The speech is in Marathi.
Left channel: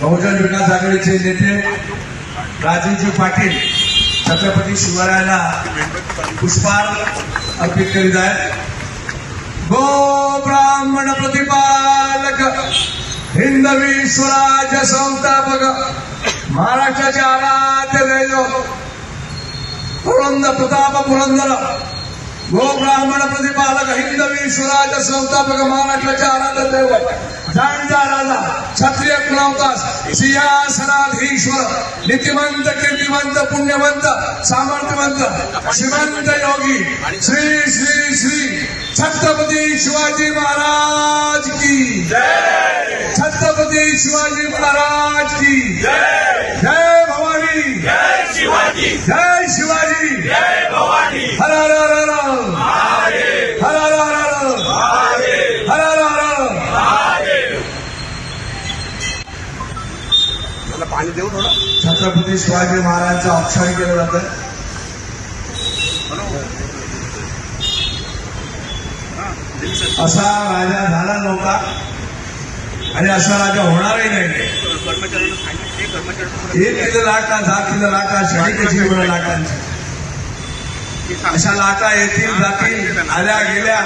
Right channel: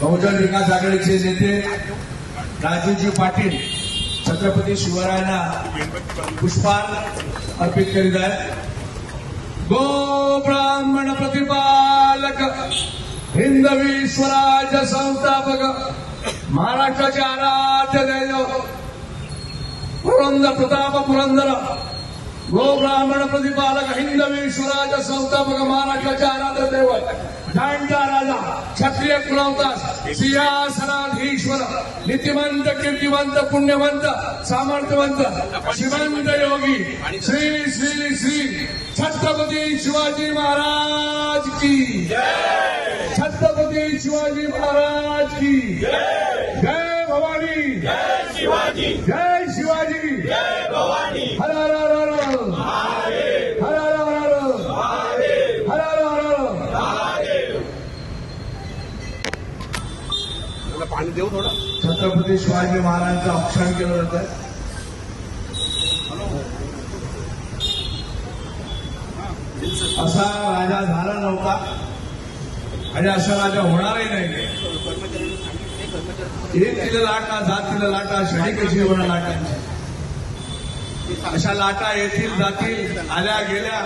बहुजन विकास आघाडीचे नेते राजूजी पाटील छत्रपती शिवरायांना पुष्पार्घ्य अर्पित करीत आहेत। गो ब्राह्मण प्रतिपालक हिंदवी स्वराज्य संस्थापक महाराष्ट्राचे आराध्य दैवत पुरंदर प्रताप पुरंदर गो ब्राह्मण प्रतिपालक हिंदवी स्वराज्य संस्थापक महाराष्ट्राचे आराध्य दैवत जाणता राजा क्षत्रिय कुलावतास सिंहासनाधीश्वर नीतिमंत कीर्तिमंत पुण्यवंत सामर्थ्यवंत श्रीमंत योगी श्री श्री श्री छत्रपती शिवाजी महाराज की जय। छत्रपती शिवाजी महाराज की जय। जय भवानी जय शिवाजी जय शिवाजी जय भवानी। हर हर हर हर महादेव हर हर हर हर महादेव हर हर हर हर महादेव। पाणी देऊ थोडा। छत्रपती शिवाजी महाराजांचं औक्षण केलं जातं। असा राजा झाला नव्हता आणि असा राजा होणारही नाही। एक किलो लाटा 10 किलो लाटा शनी कशी एवढ्या लाटांची अशा लाटा येतील जातील आल्या गेल्या